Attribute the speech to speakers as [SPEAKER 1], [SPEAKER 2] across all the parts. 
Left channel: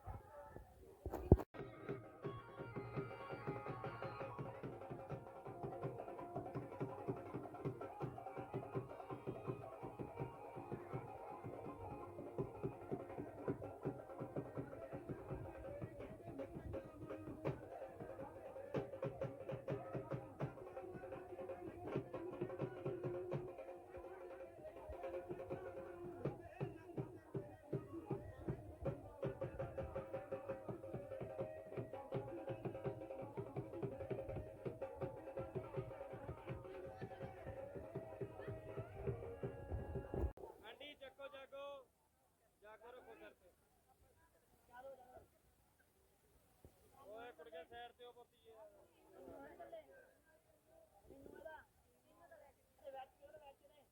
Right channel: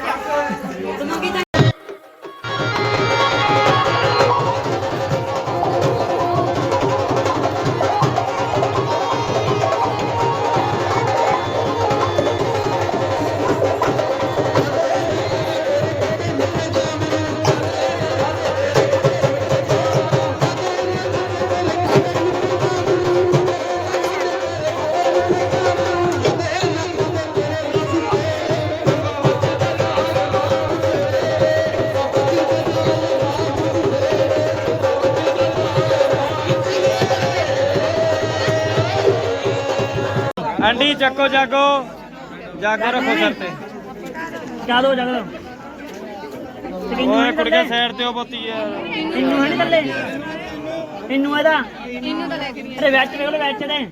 [SPEAKER 1] marca. Aunty ਚੱਕੋ ਜਾਗੋ। ਜਾਗੋ ਰੱਖੋ ਸਿਰ ਤੇ।
[SPEAKER 2] ਜਾਦੋ ਜਾਦੋ
[SPEAKER 1] ਓਏ ਕੁੜੀਆਂ ਸਾਈਡ ਤੇ ਉਹ ਬੋਤੀ ਆ।
[SPEAKER 2] ਇੰਨੂ ਹੈ ਨੀ ਥੱਲੇ ਇੰਨੂ ਇਹਦਾ? ਇੰਨੂ ਤਾਂ ਲੈ ਕੇ ਅਰੇ ਵਿੱਚ ਵੇਖ ਲੋ ਵਿੱਚ ਦੇ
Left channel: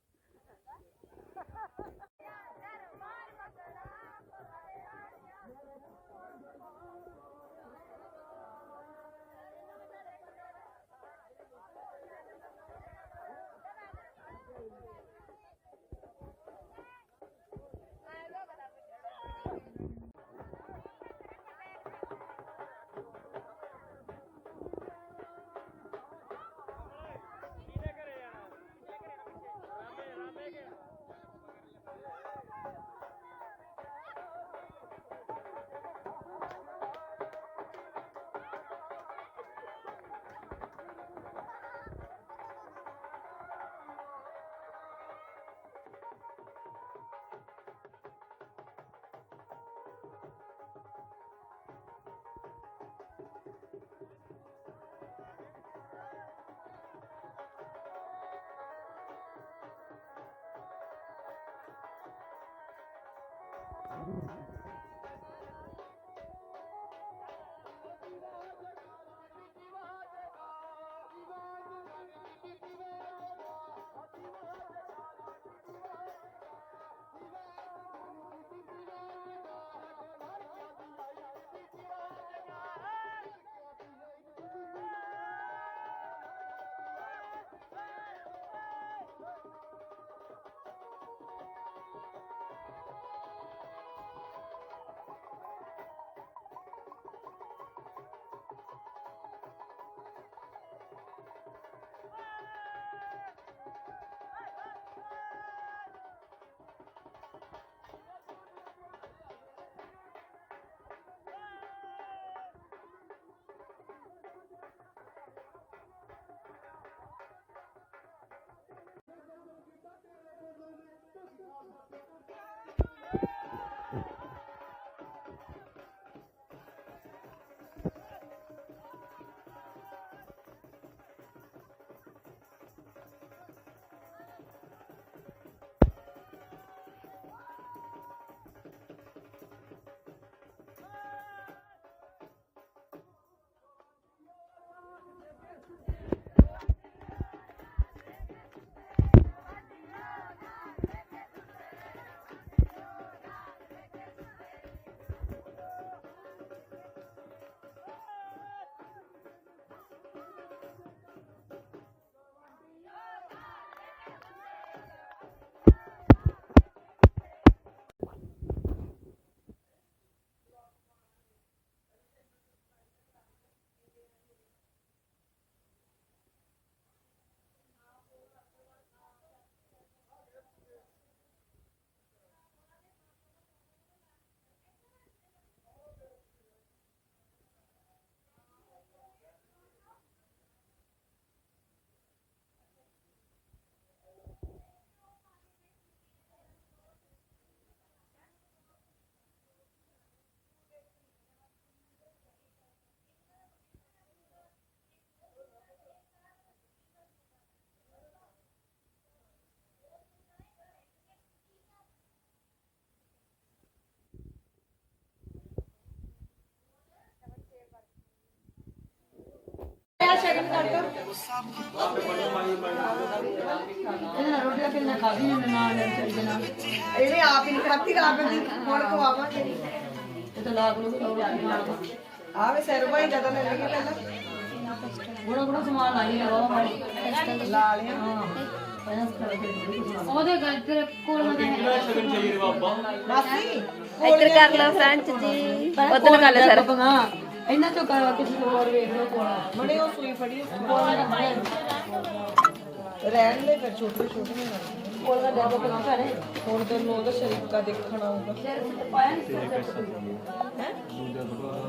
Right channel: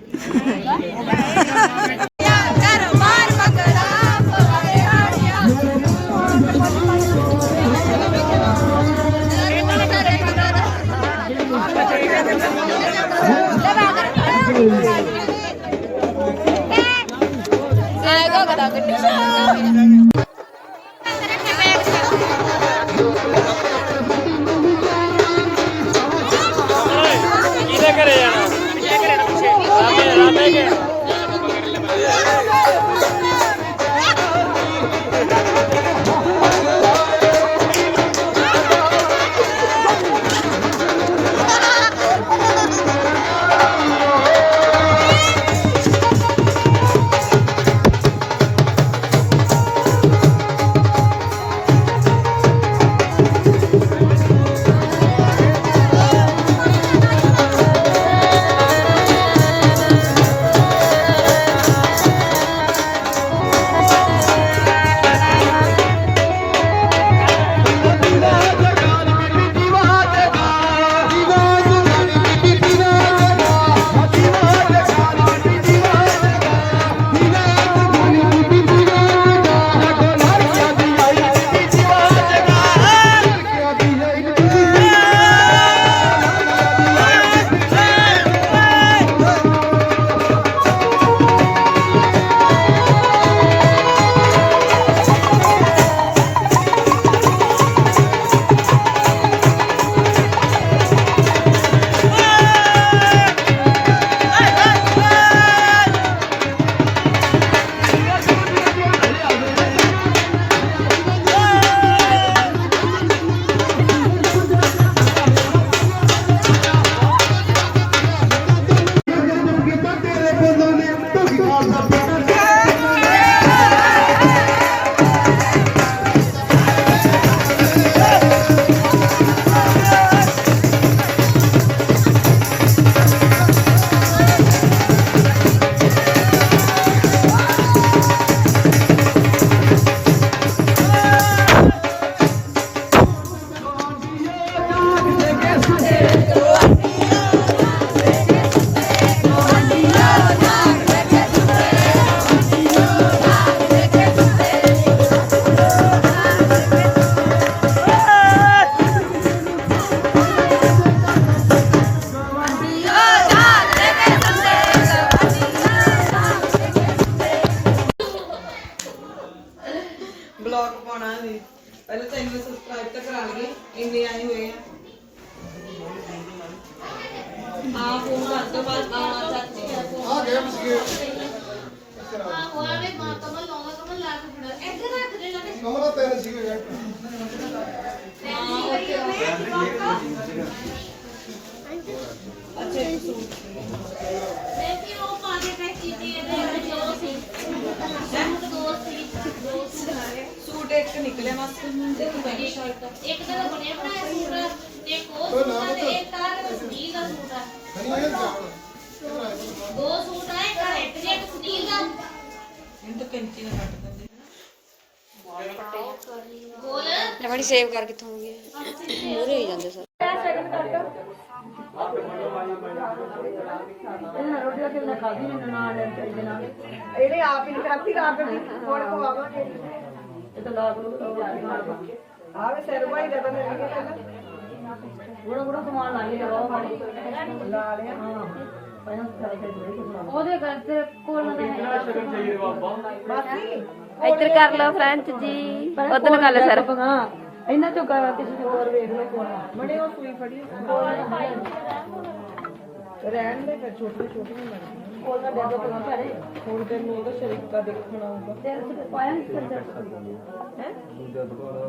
[SPEAKER 3] ਉਹ ਸੂਟ ਆ ਤੇ ਇੱਕ ਆ ਸੁਨੀਲ ਦਾ ਸੂਟ ਆ।
[SPEAKER 4] ਹਨੀ ਇਹ ਜਾਣ
[SPEAKER 3] ਦੋ ਸੂਟ ਆ ਇੱਕ ਰੈੱਡ ਜਿਹਾ ਇੱਕ ਸੁਨੀਲ ਦਾ।
[SPEAKER 5] ਇਹਨੂੰ ਤਾਂ ਕੈਂਚੀ ਨਾਲ ਕੱਟ ਦਿੰਦੇ
[SPEAKER 3] ਬੋਲ।
[SPEAKER 6] ਬੜੀ ਸੇਵ ਕਰ ਕਿੱਥੋਂ ਹੋਗੇ ਮੂਰੇ ਹੀ ਜਾਂਦੇ ਸਰ।
[SPEAKER 5] ਇਹਨੇ ਆਪ ਹੀ ਖਾਤੀ ਆਪ ਹੀ ਹੁਣ ਖਵਾਵਾਂਗੇ। ਇਹ ਤਾਂ ਲਾਗ ਨੂੰ ਆਵੇ ਸਿਰ ਭਾਈ ਜਦ ਲੈ ਲਿਆ ਪਹਿਲਾਂ।
[SPEAKER 2] ਗੁਣਾ ਗੁਣਾ ਸਮਾਨ ਲਾਈ ਲਵਾ ਮਾੜੀ
[SPEAKER 5] ਲਾ ਲਿਆ। ਹਾਂ।
[SPEAKER 7] ਉਹਦੇ ਗੱਲ ਫਿਰ ਕੋਲ ਨਾ
[SPEAKER 1] ਕਿੰਨਾ ਸ਼ਗਨ ਚਾਹੀਏ ਬਾਬਾ।
[SPEAKER 5] ਮਾਸੀ
[SPEAKER 7] ਇੱਧਰ ਕਰ ਲਓ ਫਰੈਂਚ ਜੀ। ਉਧਰ ਗੱਲ ਸਰ।
[SPEAKER 5] ਇਹਨਾਂ ਚੋਂ ਕਿਸੇ ਹੋਰ ਵੇਖ ਲਓ ਕੋਣਾ ਮਣੇ ਉਹ ਸੂਈ ਫੜੀ। ਰਹਿਣ ਦੇ ਫਿਰ ਛੋਟੀ ਛੋਟੀ ਨਹੀਂ ਲੱਗਦੀ ਕੋਲ ਦਾ ਡੱਬਾ ਪਾ ਘਰੇ ਹੁਣ ਤੈਨੂੰ ਉਹਦਾ ਸ਼ਰੀਕਾ ਦੇਖਣਾ ਆਊਗਾ।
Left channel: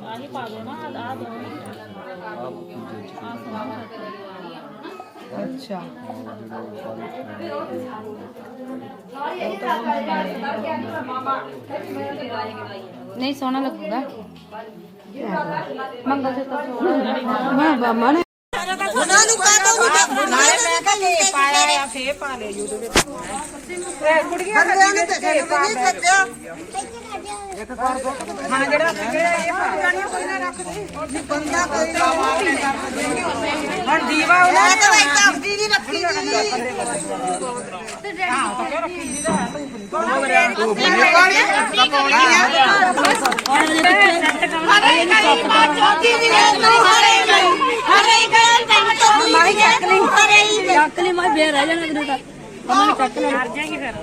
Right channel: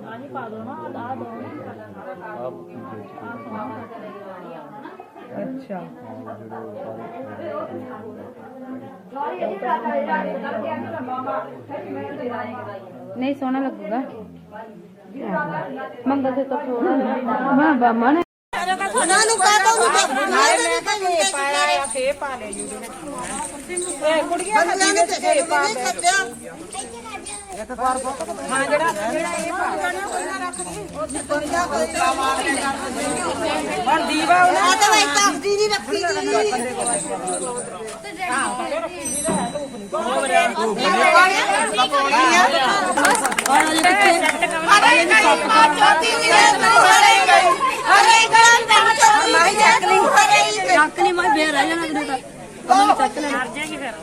[SPEAKER 8] ਆਹੀ ਪਾ ਦੋ ਨਾ ਆ ਦੋ।
[SPEAKER 5] ਅੱਛਾ।
[SPEAKER 7] ਨਹੀਂ ਸੋਹਣਾ ਲੱਗੂਗਾ। ਮੰਗਲ ਸੇ ਤਾਂ ਥੋੜਾ ਮੈਂ ਬਾਮਾ ਨੇ
[SPEAKER 5] ਨਾਲੇ ਮੈਂ ਕਿਹਾ ਇਹ ਪਾਇਆ ਆ ਫੇ ਪਾ ਲੈ ਜੂੜੀ ਦੇ ਇਹ ਕੁੜੀਆਂ ਕਦੀ ਨੇ ਤੇ ਪਾ ਦੇ ਹੁਣ ਦੀਵਾ ਉਹਨਾਂ ਤਾਂ ਭਾਈ ਤਪਦੀ ਨਹੀਂ ਰੱਖੀ
[SPEAKER 7] ਮਾਈ ਚੱਕ ਲਈ ਚੱਕ ਲਈ ਮੈਂ ਬੇਰ ਆ ਜਾਣਾ ਉਹਦੇ ਕਮਲ ਚੱਕ ਲੈ
[SPEAKER 8] ਮਰ ਜਾਏਗੀ ਫਿਰ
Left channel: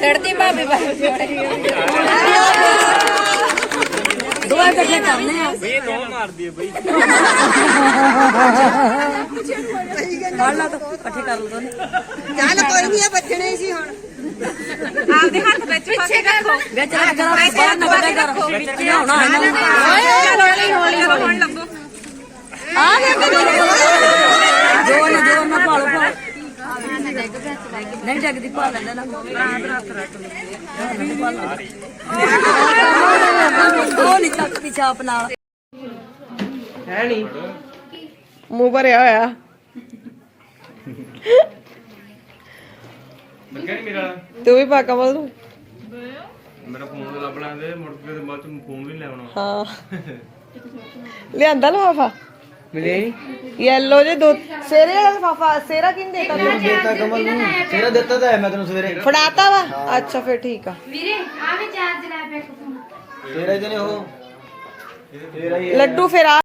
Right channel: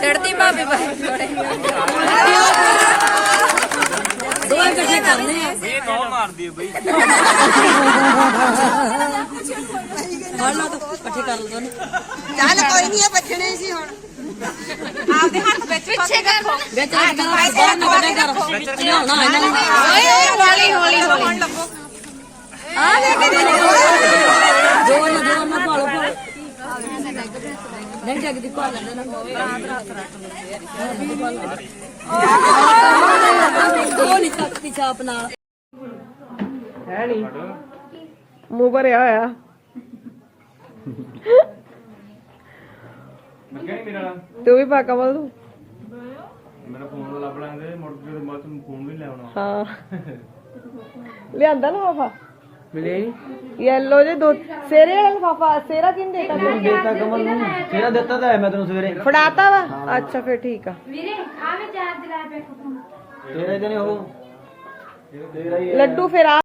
[SPEAKER 7] ਛੜਦੀ ਭਾਬੀ ਬਾਬੂ ਦੋ ਇਕੱਠੇ ਕਰਨੇ ਆ।
[SPEAKER 1] ਇਹ ਨੋ ਮਾਰਦੀ ਹੈ ਬਈ
[SPEAKER 7] ਫੜ ਲਾ ਤੂੰ ਇਕੱਠੇ ਕਰ ਲਓ ਦੋਨੇ।
[SPEAKER 5] ਚੱਲ ਕੋਈ ਨਹੀਂ ਬਚਣੇ ਸੀ ਹੁਣ।
[SPEAKER 7] ਪਿੱਛੇ ਕਰ ਵਿੱਚ ਰੱਖ ਕਰ ਬਾਹਰ ਨਾ ਕੱਢਿਆ ਕਰ। ਲਿਆਉਣਾ ਇਹਨਾਂ ਨੂੰ। ਓਏ ਓਏ ਹੌਲੀ ਹੌਲੀ ਹੌਲੀ। ਆ ਦੇ ਜੋਰ ਨਾਲ ਜੋਰ ਨਾਲ ਭਾਲੋ ਭਾਲ ਨਹੀਂ ਡੱਗਦੀ ਪਾ ਲੈਂਦਾ ਨਾ। ਉਹ ਨਹੀਂ ਚੱਕਦੀ ਛਾਪ ਨਾਲ।
[SPEAKER 5] ਹੈ ਨਹੀਂ ਮੂੰਹ ਭਰਿਆ ਹੋਇਆ।
[SPEAKER 1] ਲੱਗਿਆ ਨਹੀਂ ਮੇਰਾ।
[SPEAKER 5] ਤੂੰ ਵੀ ਪਾ ਕਮਲ ਤੂੰ
[SPEAKER 1] ਮੇਰਾ ਫੋਨ ਲੱਭ ਲਾਂਗੇ ਮੁੜ ਕੇ ਬਾਅਦ ਚ ਫੋਨ ਵੀ ਲੈ ਆਉਣਾ।
[SPEAKER 5] ਹਾਂ। ਲਿਆਂਦਾ ਲਫਾਫਾ? ਮਿਲੇ ਯੈਲੋ ਜੇ ਦੋ ਸੇਰੇ ਵਾਲਾ ਲਫਾਫਾ ਸੇਰਾ ਕਿੰਨ ਦੇਤਾ ਤੈਨੂੰ
[SPEAKER 9] ਦੇਤਾ ਕਮਲ ਨੂੰ। ਤੇਰਾ ਦਿੱਤਾ ਤਾਂ ਹੈ ਮੈਂ ਤੈਨੂੰ ਸਵੇਰੇ।
[SPEAKER 5] ਫੜਾਤਾ ਵਾ? ਅੱਛਾ ਫਿਰ ਠੀਕ ਆ।
[SPEAKER 2] ਵੀਰੇ ਆ ਵੀ ਚਾਰਜ ਲੈ ਪੈ ਫੋਨ
[SPEAKER 9] ਤੇਰੇ ਜਨੇ ਉਹ।
[SPEAKER 5] ਲੱਡੂ ਫਿਰ ਆ